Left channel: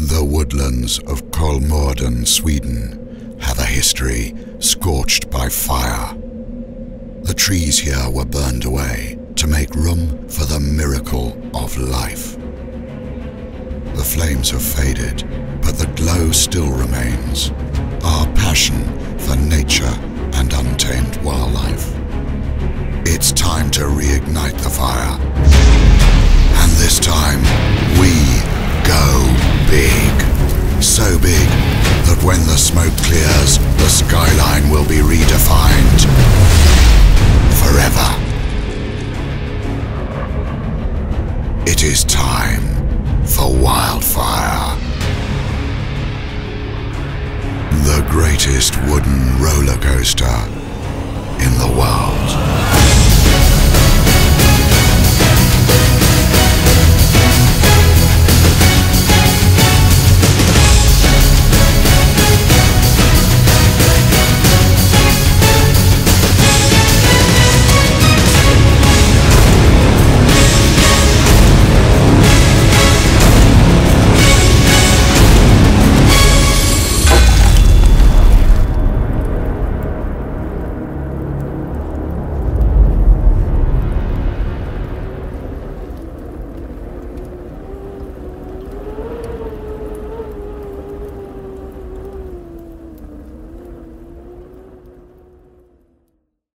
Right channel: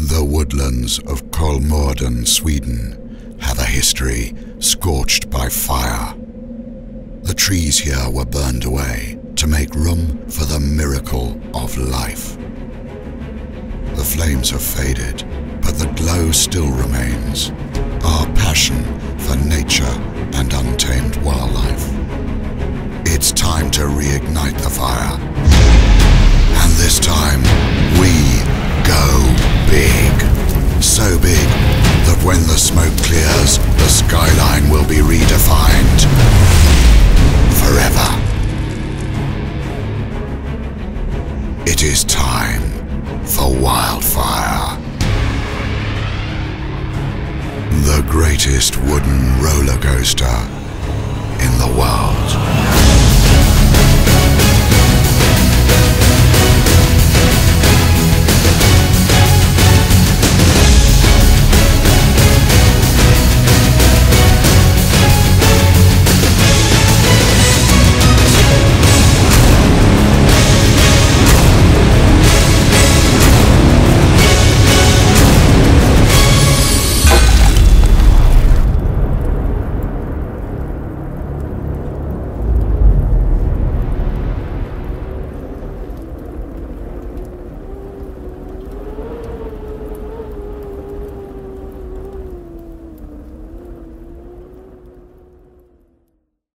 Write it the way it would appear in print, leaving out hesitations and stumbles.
The woodlands of Kolmården, Sweden, have a history scorched by fire. The trees here were burned away to make room for the miracle of life. The flames have faded, but the glow still remains. Our passion for nature and untamed wildlife. It's time to reignite the fire. And this time, we go big. So big that when the smoke clears, the skyline will be redefined forever. It is time for Wildfire. The greatest wooden roller coaster in the world.